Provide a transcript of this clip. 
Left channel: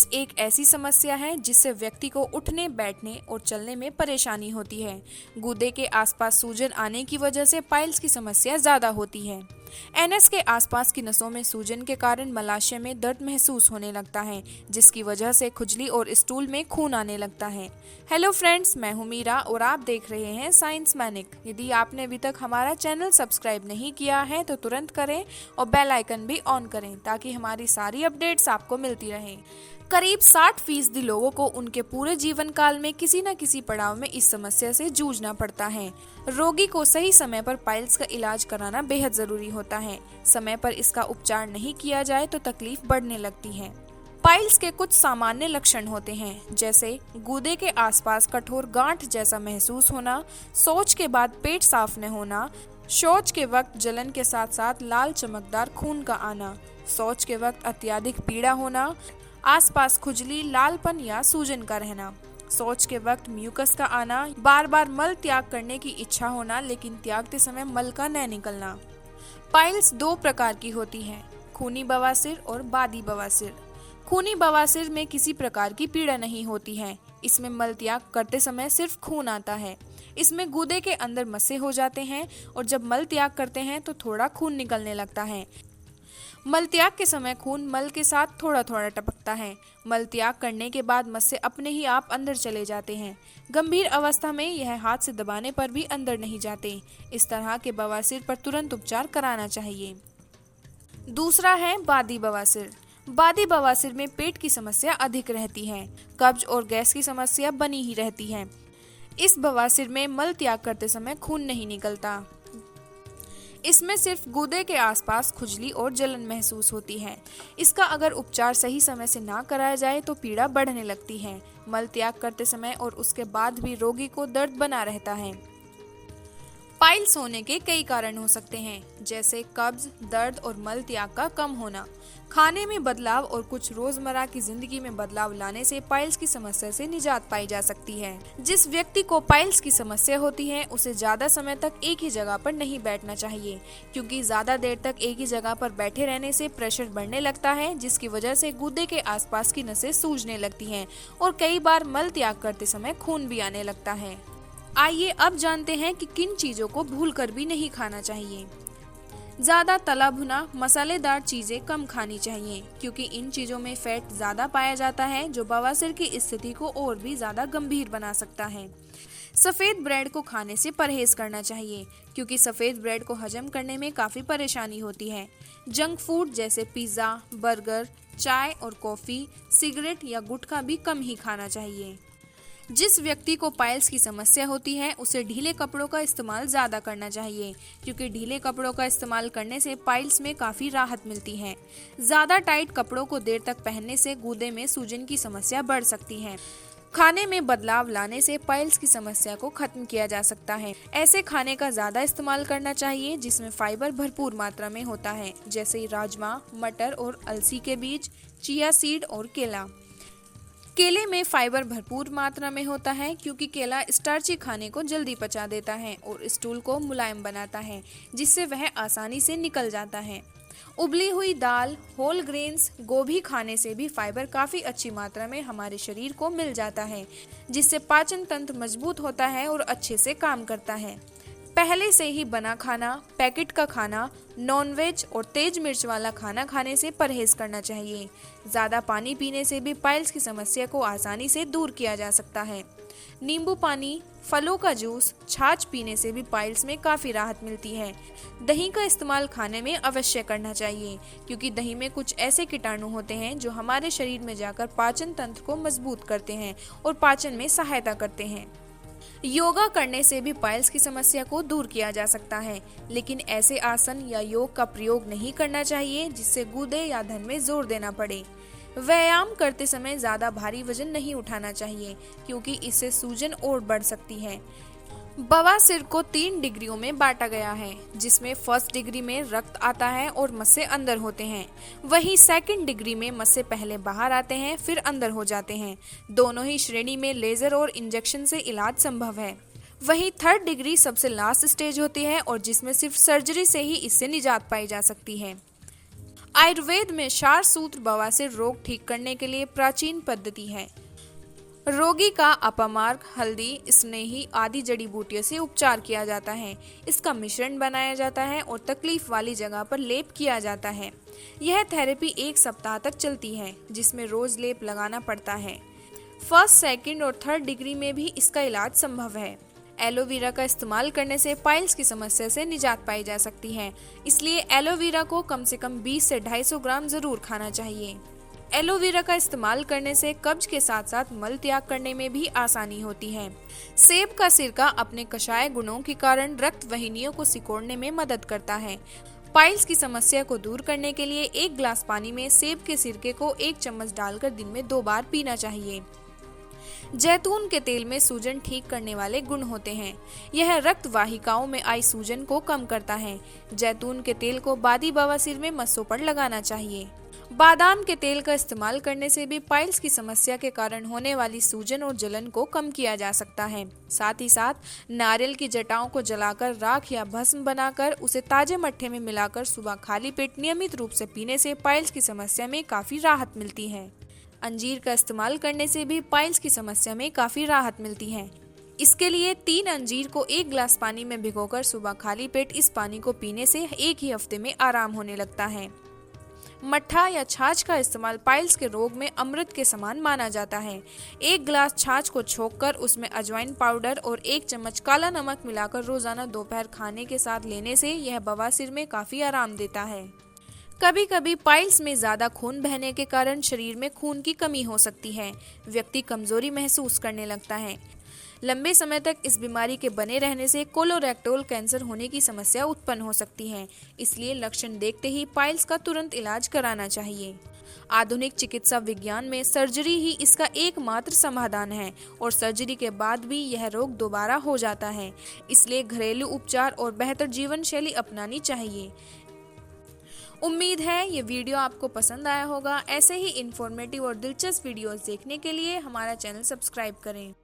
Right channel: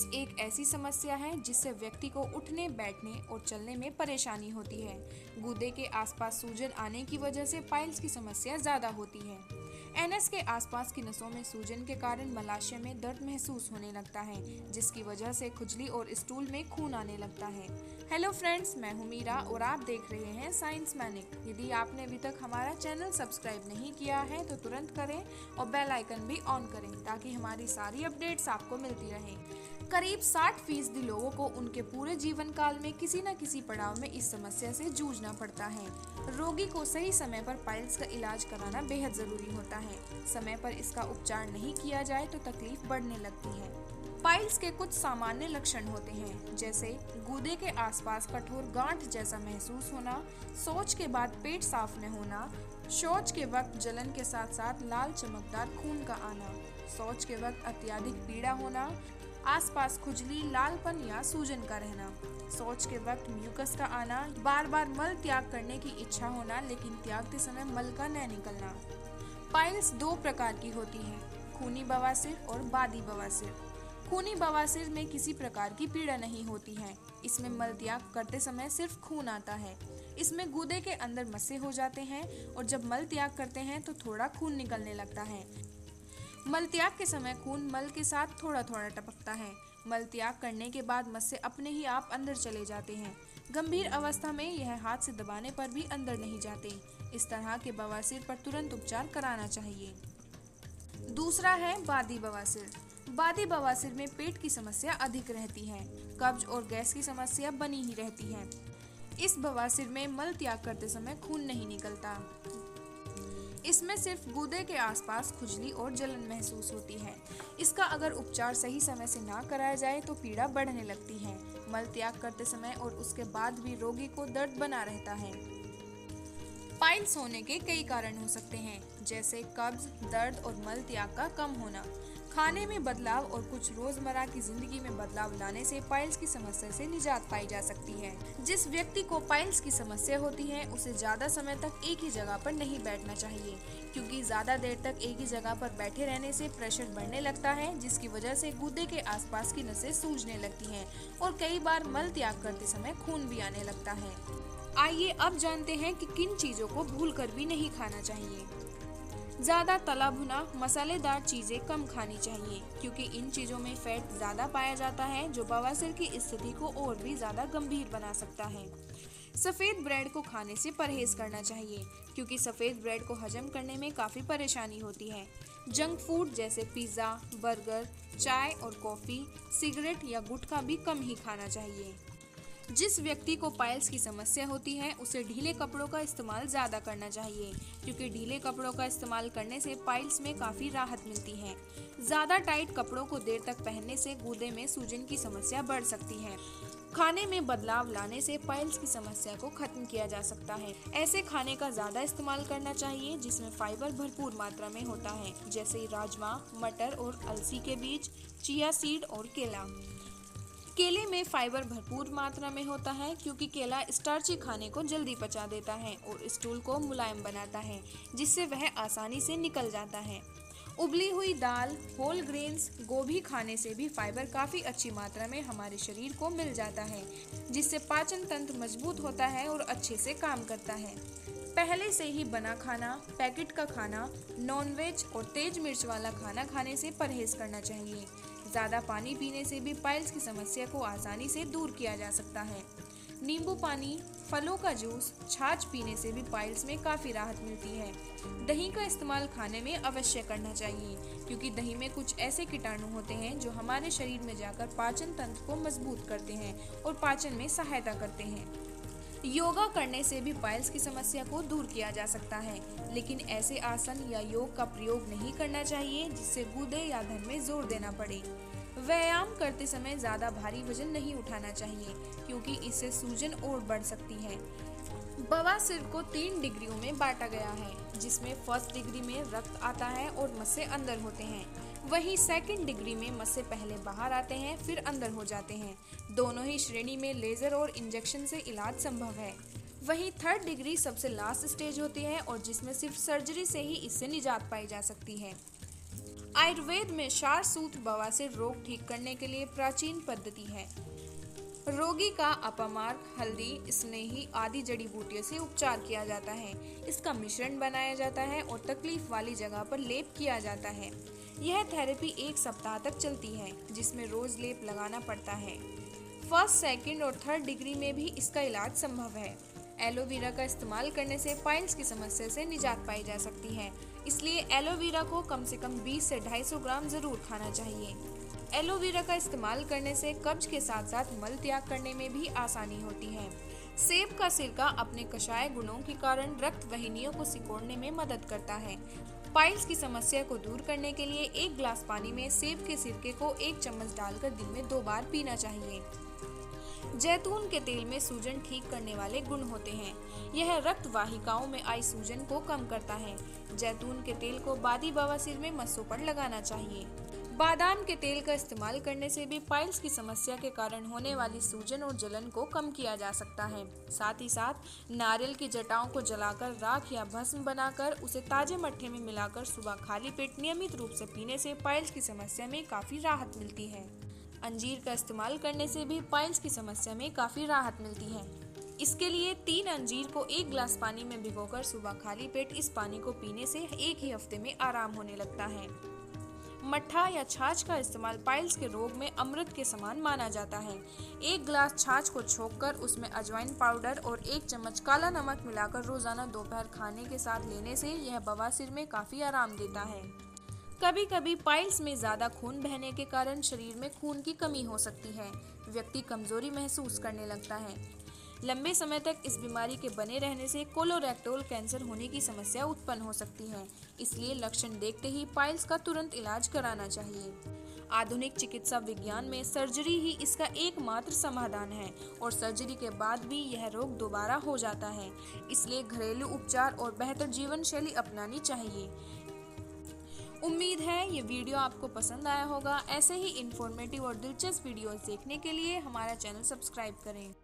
Piles एक ऐसी समस्या है जिससे व्यक्ति को उठने, बैठने और चलने में परेशानी होती है। गुर्दे के आसपास सूजन आने की वजह से पाइल्स की समस्या ज्यादा होती है। एनएस के आसपास की नसों में सूजन के कारण मलाशय में दर्द महसूस होने लगता है, जिसकी वजह से खुजली और स्टूल में खून आने लगता है। हेलो फ्रेंड्स, मैं हूं मीरा और आप देख रहे हैं साइंस मैनिक। यदि आपने अभी तक हमारा चैनल सब्सक्राइब नहीं किया है तो तुरंत करें और बेल आइकन भी ऑन करें ताकि हमारी सारी अपडेट्स आपको मिलती रहें। करीब 60% लोगों को उनके पूरे जीवन काल में किसी न किसी पड़ाव में इस समस्या से जूझना पड़ता है। रोगी को सही समय पर पाइल्स का इलाज कराना बेहद जरूरी होता है। समय पर इसका उपचार नहीं किया जाए तो तकलीफ बढ़ने लगती है। पाइल्स के कुछ सामान्य लक्षण होते हैं, जैसे गुर्दे के आसपास कठोर गांठ जैसा महसूस होना, शौच के बाद पेट साफ न होना, शौच के वक्त जलन के साथ साथ लाल चमकदार खून का आना, शौच के वक्त अत्यधिक पीड़ा होना, आसपास खुजली, लालपन या सूजन का रहना, शौच के वक्त म्यूकस का आना, बार बार मल त्याग करने की इच्छा होना लेकिन त्यागते समय मल का न निकलना। पाइल्स 2 प्रकार की होती हैं, खूनी बवासीर और बादी बवासीर। खूनी बवासीर में किसी प्रकार की पीड़ा नहीं होती है। इसमें मल त्याग करते समय सिर्फ खून आता है। इसमें गुर्दे के अंदर मस्से हो जाते हैं और जब मल त्याग करते हैं तो थोड़ा खून निकलने लगता है। मल त्याग के समय खून मल के साथ थोड़ा थोड़ा टपकता है। मल त्याग करने के बाद मस्से अपने ही आप अंदर चले जाते हैं। गंभीर अवस्था में यह हाथ से दबाने पर भी अंदर नहीं जाते। इस तरह के बवासीर पर तुरंत उपचार कराना चाहिए। दूसरा है बादी बवासीर। बादी बवासीर में पेट की समस्या अधिक रहती है। कब्ज और गैस की समस्या बनी ही रहती है। इस बवासीर में मल त्याग करते समय खून नहीं निकलता। इसमें सिर्फ गुर्दे के आसपास खुजली और जलन महसूस होती है। इसका अगर उपचार सही समय से ना कराया जाए तो पीड़ा बढ़ने लगती है। मल त्याग करते समय और उसके बाद भी रोगी को दर्द बना रहता है। पाइल्स होने के कई कारण हो सकते हैं, जैसे कब्ज, दर्द और मल त्याग का कम होना। खाने में बदलाव और कुछ रोजमर्रा की जिंदगी में बदलाव लाने से पाइल्स की समस्या से निजात पाई जा सकती है। जिस व्यक्ति को पाइल्स की समस्या होती है उसे ज्यादा समय तक एक ही जगह पर नहीं बैठना चाहिए, क्योंकि ज्यादा देर तक एक ही जगह पर बैठे रहने से प्रेशर बढ़ने लगता है, जिसकी वजह से गुर्दे के आसपास की नसें सूजने लगती हैं और कई बार मल त्याग करते समय खून भी आने लगता है। आइए अब जानते हैं कि किन चीजों को भूलकर भी नहीं खाना चाहिए। ज्यादा तला भुना मसालेदार चीजें कम खानी चाहिए, क्योंकि इन चीजों में फैट ज्यादा पाया जाता है जो बवासीर की स्थिति को और भी ज्यादा गंभीर बना सकता है। सफेद ब्रेड को खाने से परहेज करना चाहिए, क्योंकि सफेद ब्रेड को हजम करने में काफी परेशानी होती है। जंक फूड जैसे पिज्जा, बर्गर, चाय और कॉफी, सिगरेट या गुटखा भी कम ही खाना चाहिए। जिस व्यक्ति को पाइल्स की समस्या होती है उसे ढीले कपड़ों का इस्तेमाल ज़्यादा करना चाहिए, क्योंकि ढीले कपड़ों का इस्तेमाल करने से पाइल्स में काफ़ी राहत मिलती है। ज़्यादा टाइट कपड़ों को देर तक पहनने से गुर्दे में सूजन की समस्या बढ़ सकती है। खाने में बदलाव लाने से पाइल्स की समस्या को खत्म किया जा सकता है। ऐसे खाने का ज़्यादा इस्तेमाल करना चाहिए जिसमें फाइबर भरपूर मात्रा में होता है, जैसे राजमा, मटर और अलसी के बीज, चिया सीड और केला। केले में फाइबर भरपूर मात्रा में होता है, क्योंकि केला स्टार्ची खाने को जल्दी पचा देता है और स्टूल को मुलायम बनाता है, जिससे वह आसानी से निकल जाता है। उबली हुई दाल, होल ग्रेन्स, गोभी खाने से भी फाइबर काफ़ी अच्छी मात्रा में हमारे शरीर को मिल जाता है, जिससे पाचन तंत्र मजबूत होता है और अच्छे से काम करता है। पहले से ही बना खाना, पैकेट का खाना, नॉनवेज और तेज मिर्च वाला खाना खाने से परहेज करना चाहिए। ज़्यादा पानी पीने से भी पाइल्स की समस्या को आसानी से दूर किया जा सकता है। नींबू पानी, फलों का जूस, छाछ पीने से भी पाइल्स में काफ़ी राहत मिलती है। दही का इस्तेमाल खाने में अवश्य करना चाहिए, क्योंकि दही में कुछ ऐसे कीटाणु होते हैं जो हमारे शरीर में जाकर पाचन तंत्र को मजबूत करते हैं और पाचन में सहायता करते हैं। योगा करने से भी पाइल्स की समस्या को दूर किया जा सकता है, लेकिन ऐसे आसन या योग का प्रयोग नहीं करना चाहिए जिससे गुर्दे या धड़ में जोर देना पड़े। व्यायाम करते समय ज़्यादा भारी वजन नहीं उठाना चाहिए, क्योंकि इससे सूजन और बढ़ सकती है। बवासीर को 3 डिग्रियों में बांटा गया है, जिसमें फर्स्ट डिग्री में रक्त आता है और मस्से अंदर होते हैं। वहीं सेकंड डिग्री में मस्से पहले बाहर आते हैं फिर अंदर हो जाते हैं। दोनों ही श्रेणी में लेजर और इंजेक्शन से इलाज संभव है। वहीं थर्ड डिग्री सबसे लास्ट स्टेज होती है और जिसमें सिर्फ सर्जरी से ही इससे निजात पाई जा सकती है। आयुर्वेद में क्षार सूत्र बवासीर रोग ठीक करने के लिए प्राचीन पद्धति है। रोगी का अपमार्ग, हल्दी, स्नेही आदि जड़ी बूटियों से उपचार किया जाता है। इसका मिश्रण बनाया जाता है और तकलीफ वाली जगह पर लेप किया जाता है। यह थेरेपी 1 सप्ताह तक चलती है, जिसमें रोज लेप लगाना पड़ता है। फर्स्ट, सेकंड और थर्ड डिग्री में भी इसका इलाज संभव है। एलोवेरा का इस्तेमाल करने से पाइल्स की समस्या से निजात पाई जा सकती है, इसलिए एलोवेरा को कम से कम 20 से 250 ग्राम जरूर खाना चाहिए। एलोवेरा का इस्तेमाल करने से कब्ज के साथ साथ मल त्याग करने में भी आसानी होती है। सेब का सिरका अपने कषाय गुणों के कारण रक्त वाहिनियों को सिकोड़ने में मदद करता है। पाइल्स की समस्या को दूर करने के लिए 1 गिलास पानी में सेब के सिरके को 1 चम्मच डालकर दिन में 2 बार पीना चाहिए। जैतून के तेल में सूजन ठीक करने वाले गुण होते हैं। यह रक्त वाहिकाओं में आई सूजन को कम करता है। जैतून के तेल को बादी बवासीर में मस्सों पर लगाना चाहिए। बादाम के तेल का इस्तेमाल करने से भी पाइल्स की समस्या के कारण होने वाली सूजन और जलन को कम किया जा सकता है। साथ ही साथ नारियल की जटाओं को जलाकर राख या भस्म बनाकर उसे ताजे मट्ठे में मिलाकर सुबह खाली पेट नियमित रूप से पीने से पाइल्स की समस्या में काफी राहत मिलती है। अंजीर का इस्तेमाल करने से भी पाइल्स की समस्या में काफी राहत मिलती है। इसके लिए 3 अंजीर को 1 गिलास पानी में भिगोकर सुबह खाली पेट इस पानी को पीने से 1 ही हफ्ते में आराम होने लगता है। मट्ठा या छाछ का इस्तेमाल पाइल्स के रोग में अमृत के समान माना जाता है। 1 गिलास छाछ को छोंककर उसमें अजवाइन पाउडर और 1 चम्मच काला नमक मिलाकर रोजाना दोपहर खाने के साथ लेने से यह बवासीर में काफी आराम देता है। कभी कभी पाइल्स में ज्यादा खून बहने के कारण शरीर में खून की कमी हो सकती है। व्यक्ति कमजोरी महसूस करने लगता है। लंबे समय तक इस बीमारी के बने रहने से कोलोरेक्टल कैंसर होने की समस्या उत्पन्न हो सकती है। इसलिए लक्षण देखते ही पाइल्स का तुरंत इलाज कराना चाहिए। आधुनिक चिकित्सा विज्ञान में सर्जरी ही इसका एकमात्र समाधान है और सर्जरी के बाद भी यह रोग दोबारा हो जाता है। इसलिए घरेलू उपचार और बेहतर जीवन शैली अपनानी चाहिए। उम्मीद है ये वीडियो आपको पसंद आया होगा। ऐसे ही इंफॉर्मेटिव और दिलचस्प वीडियोस देखने के लिए हमारा चैनल सब्सक्राइब करें।